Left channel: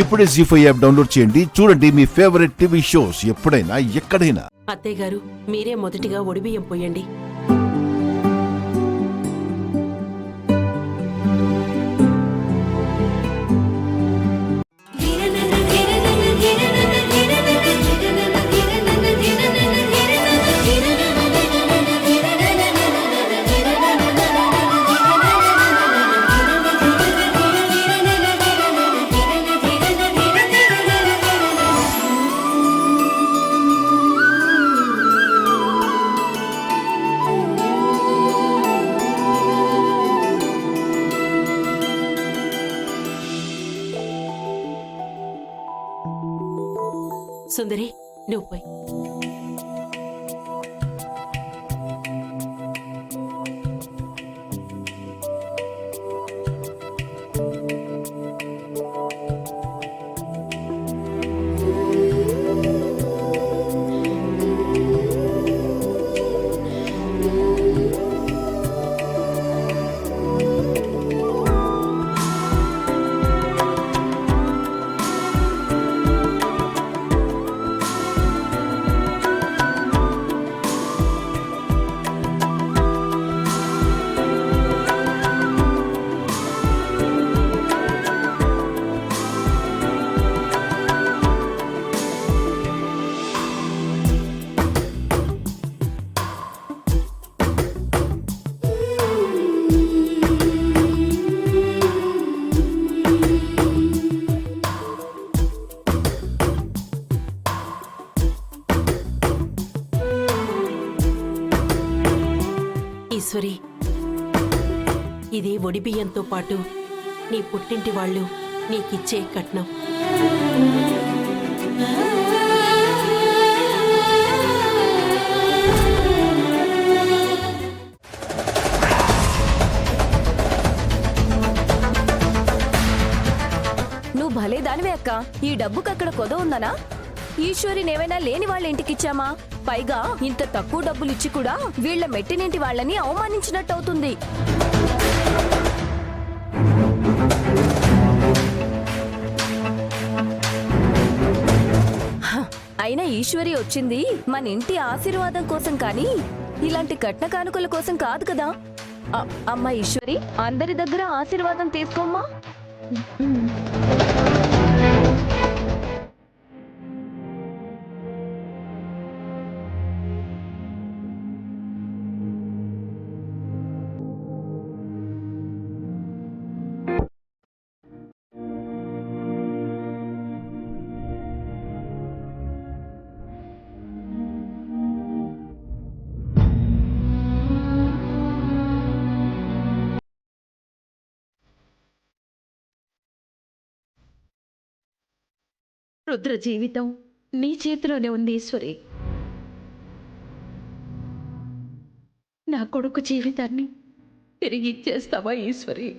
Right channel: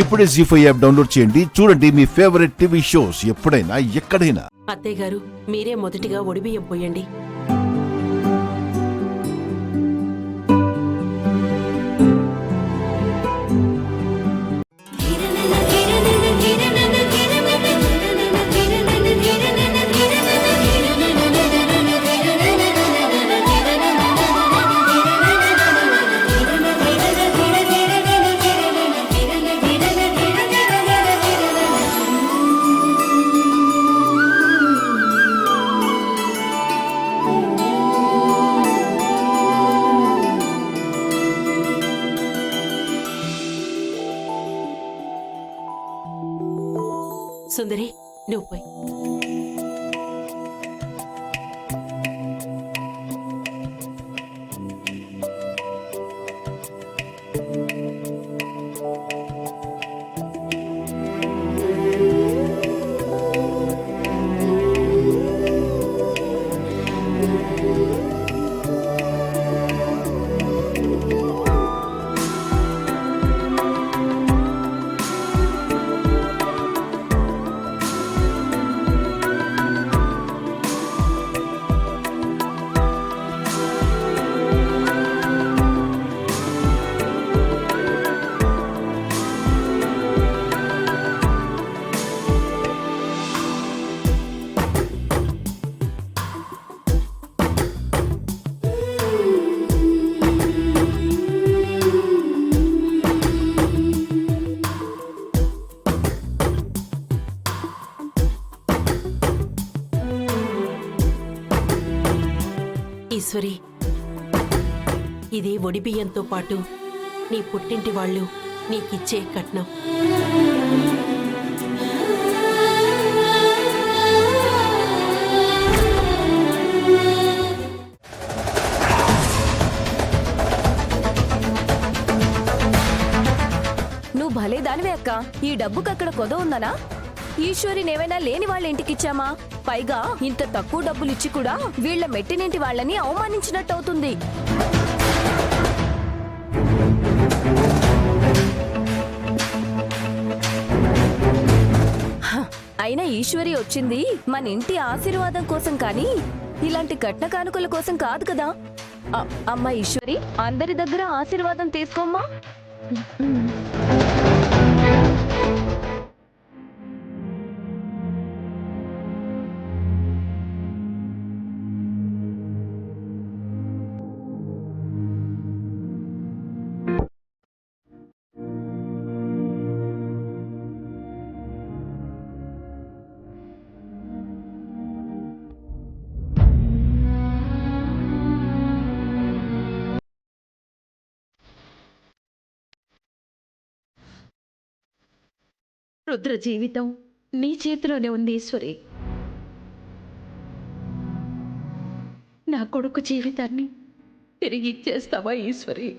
ఇప్పుడే జీ5 app download చేయండి. చూడండి మీ ఫేవరెట్ టీవీ షోస్ ఎప్పుడైనా ఎక్కడైనా. అత్తయ్య గారు, మీరే మొదటిగా ఒడిబియ్యం పోయండి. సుందరి, నువ్వు పోయి. ఈశ్వరి, ఇది ఒడిబియ్యంతో పాటు నీ పుట్టింటి వాళ్ళు నీకిచ్చే కట్నం. నువ్వు భలే దానివే అక్క. ఈ డబ్బుకక్కడ కొద ఉందనా? ఈశ్వరినేమైనా లేని వాళ్ళ ఇంటికిచ్చామా? పైగా ఇంత తక్కువ డబ్బులిచ్చి కూడా వీళ్ల మెట్టినింటి వాళ్ళని అవమానించినట్టవుతుంది. అయినా ఈశ్వరి వచ్చింది మన ఇంటి ఆశీర్వాదం కోసం కానీ ఇలాంటి కట్న కానుకల కోసం కాదు కదా. అమ్మా ఈశ్వరి, అందరి దగ్గర ఆశీర్వాదం తీసుకోమ్మా. రుద్ర జీవితం నీ చేతిలోనే ఉంది ఈశ్వరి. నా కొడుకు జీవితాన్ని తిరిగి ఇచ్చేస్తావా ఈశ్వరి?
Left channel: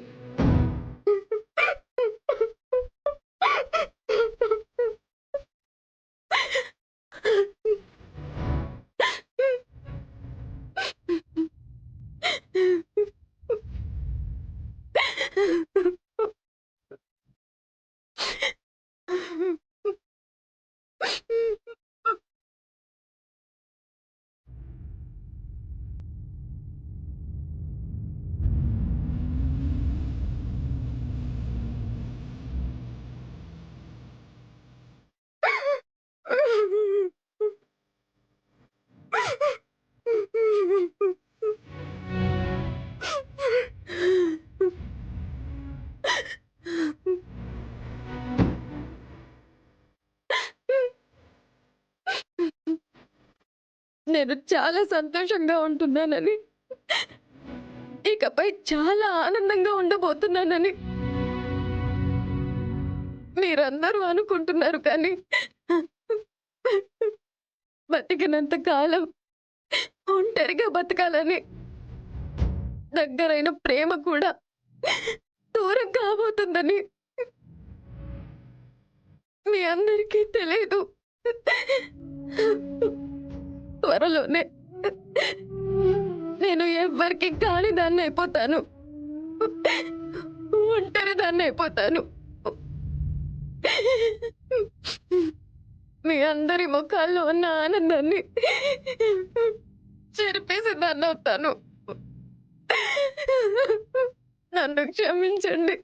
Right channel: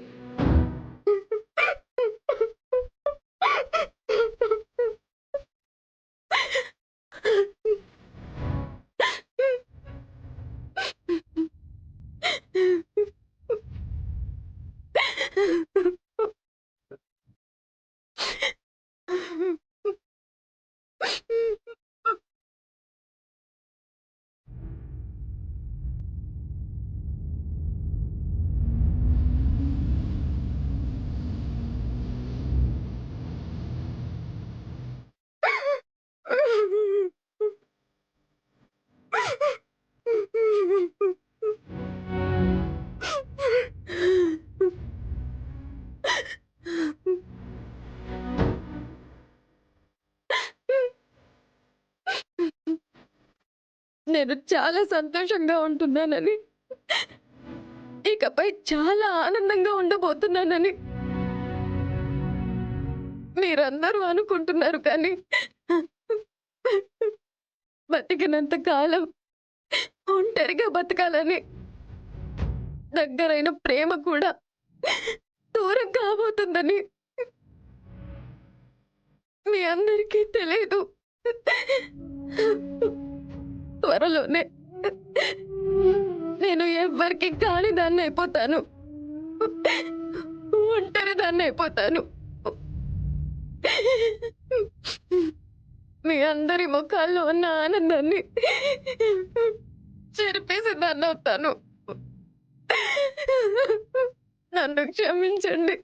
నేను చాలా సంతోషంగా ఉంటున్నానని, ఇకపై చాలా ఆనందంగా ఉండబోతున్నానని మీరందరూ అనుకుంటున్నారు. కానీ బతికినంత కాలం ఒంటరిగా బతకాలని, దగ్గరైన ప్రేమ కూడా దూరం కాబోతుందని మీ అందరికీ తెలియదు. త్వరలోనే నేను ఎవ్వరికి కాని దాన్ని అయిపోతాను, ఒంటరి దాన్ని అయిపోతాను. మీ అందరి ముఖాల్లో ఉన్న ఆనందాన్ని చెరిపేసిందాన్ని అవుతాను. నన్ను క్షమించండి,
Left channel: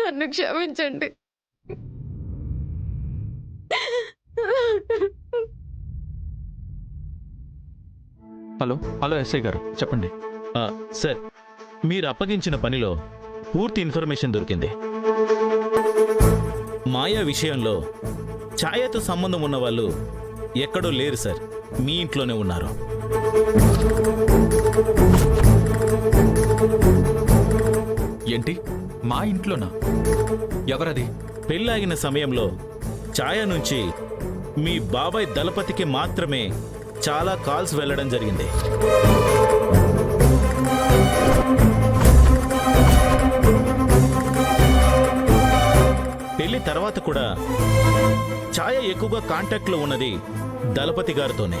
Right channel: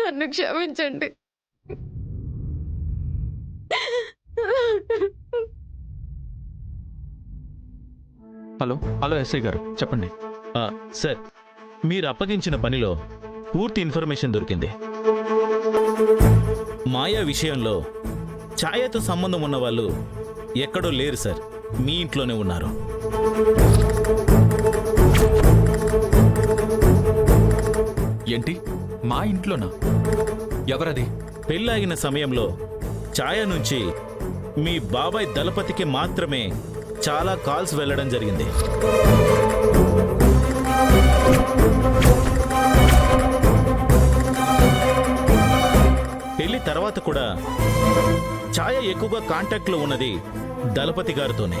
నన్ను క్షమించండి. హలో ఎస్ఐ గారు చెప్పండి. సార్, మీరు అప్పగించిన పనిలో పూర్తి ఇన్ఫర్మేషన్ దొరికింది. మాయా విషయంలో ఛాయతో సంబంధం ఉన్న వాళ్ళు ఎక్కడో లేరు సార్, మీ ఇంట్లోనే ఉన్నారు. ఏంటి, మా ఇంట్లోనా? ఎవరది? పెళ్ళాగిన సమయంలో ఛాయ నుంచి మీ బాబాయ్ దళపతికి మాత్రమే చాలా కాల్స్ వెళ్ళడం జరిగింది. పెళ్లి తర్వాత కూడా ఛాయ ఎక్కువగా కాంటాక్ట్లో ఉన్నది దళపతి గారితోనే.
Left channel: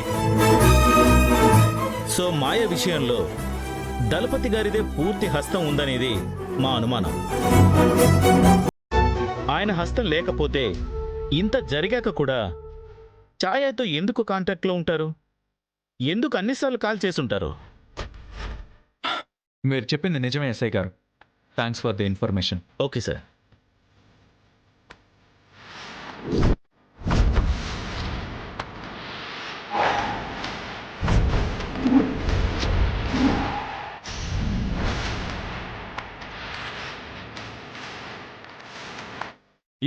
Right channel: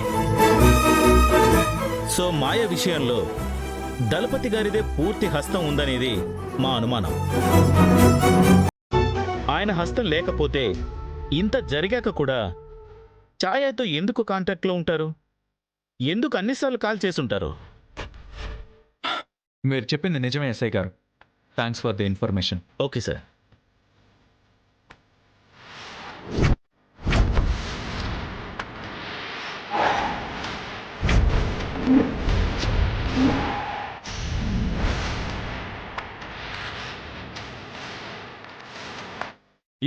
సో మాయ విషయంలో దళపతి గారిదే పూర్తి హస్తం ఉందనేది మా అనుమానం. ఆయన హస్తం లేకపోతే ఇంత జరిగాక కూడా ఛాయతో ఎందుకు కాంటాక్ట్లో ఉంటారు? ఎందుకు అన్నిసార్లు కాల్ చేసుంటారు? మీరు చెప్పింది నిజమే ఎస్ఐ గారు. Thanks for the information. Okay sir.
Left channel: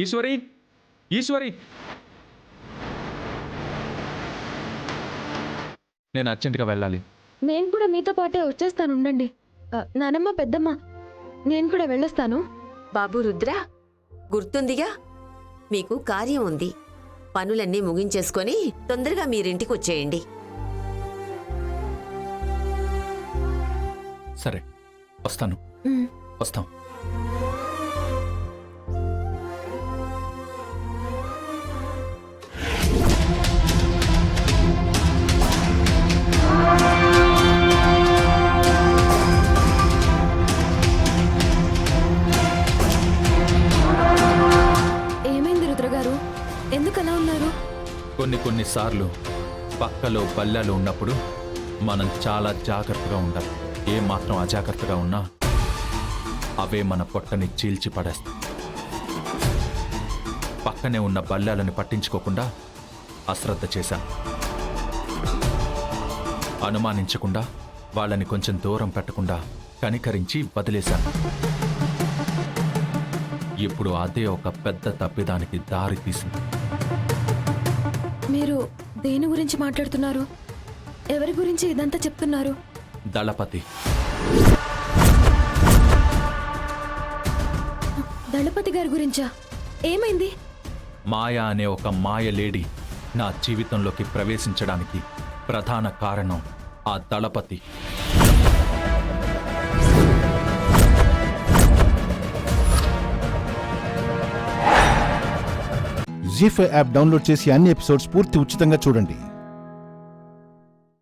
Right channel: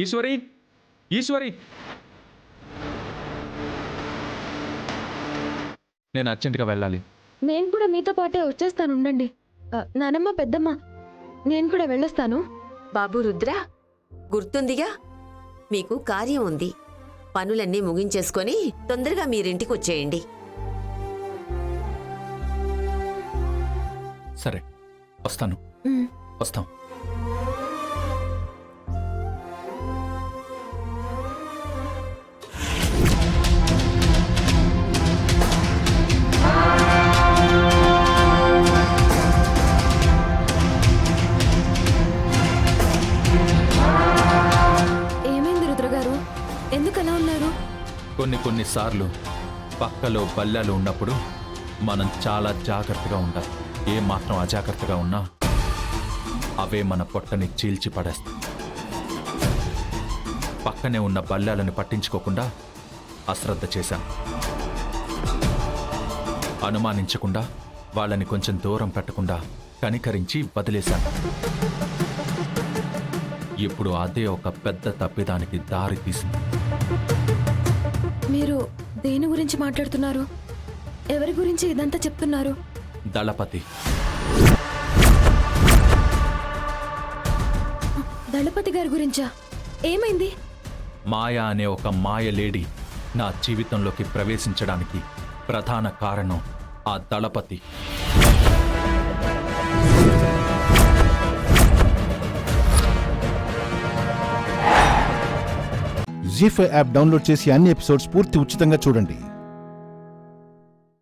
Eshwari, Eshwari, నేను అర్జెంటుగా వెళ్ళాలి. నేను కూడా మీతో పాటే వచ్చేస్తాను, ఉండండి. నానమ్మ, పెద్దమ్మ, నేను కూడా వెళ్ళొస్తాను. బాబు రుద్ర, గుర్తుందిగా, మీకు కార్యం ఉంది. పనులన్నీ ముగించేసుకొని తొందరగా మీరింటికి వచ్చేయండి. సరే, వస్తాను. వస్తాం. ఏమైంది రుద్రగారు? ఎందుకు అలా ఉన్నారు? కొన్నిసార్లు పక్కలో బల్లాలు ఉన్నప్పుడు మనం చాలా జాగ్రత్తగా ఉండాలి. ఏ మాత్రం అజాగ్రత్తగా ఉన్నా అవే మన పొట్టని చీల్చి పడేస్తాయి. పక్కనే ఉన్న బల్లాలను పట్టించుకోకుండా అశ్రద్ధ చేశాను. అనుమానించకుండా వాళ్ళని కొంచెం దూరం పెట్టకుండా కనికరించి వదిలేశాను. ఇప్పుడు అదే ఒక పెద్ద తప్పిదానికి దారి తీసింది. మీరు దేని గురించి మాట్లాడుతున్నారు? ఎవరి గురించి ఇదంతా చెప్తున్నారు? దళపతి. దళపతి గారి గురించా? ఏమైంది? మాయా అనే ఒక మాయ లేడీ నా జీవితంలోకి ప్రవేశించడానికి ప్రధాన కారణం ఆ దళపతి. జీ5 యాప్ డౌన్లోడ్ చేసి అన్ని ఎపిసోడ్స్ పూర్తి ఉచితంగా చూడండి.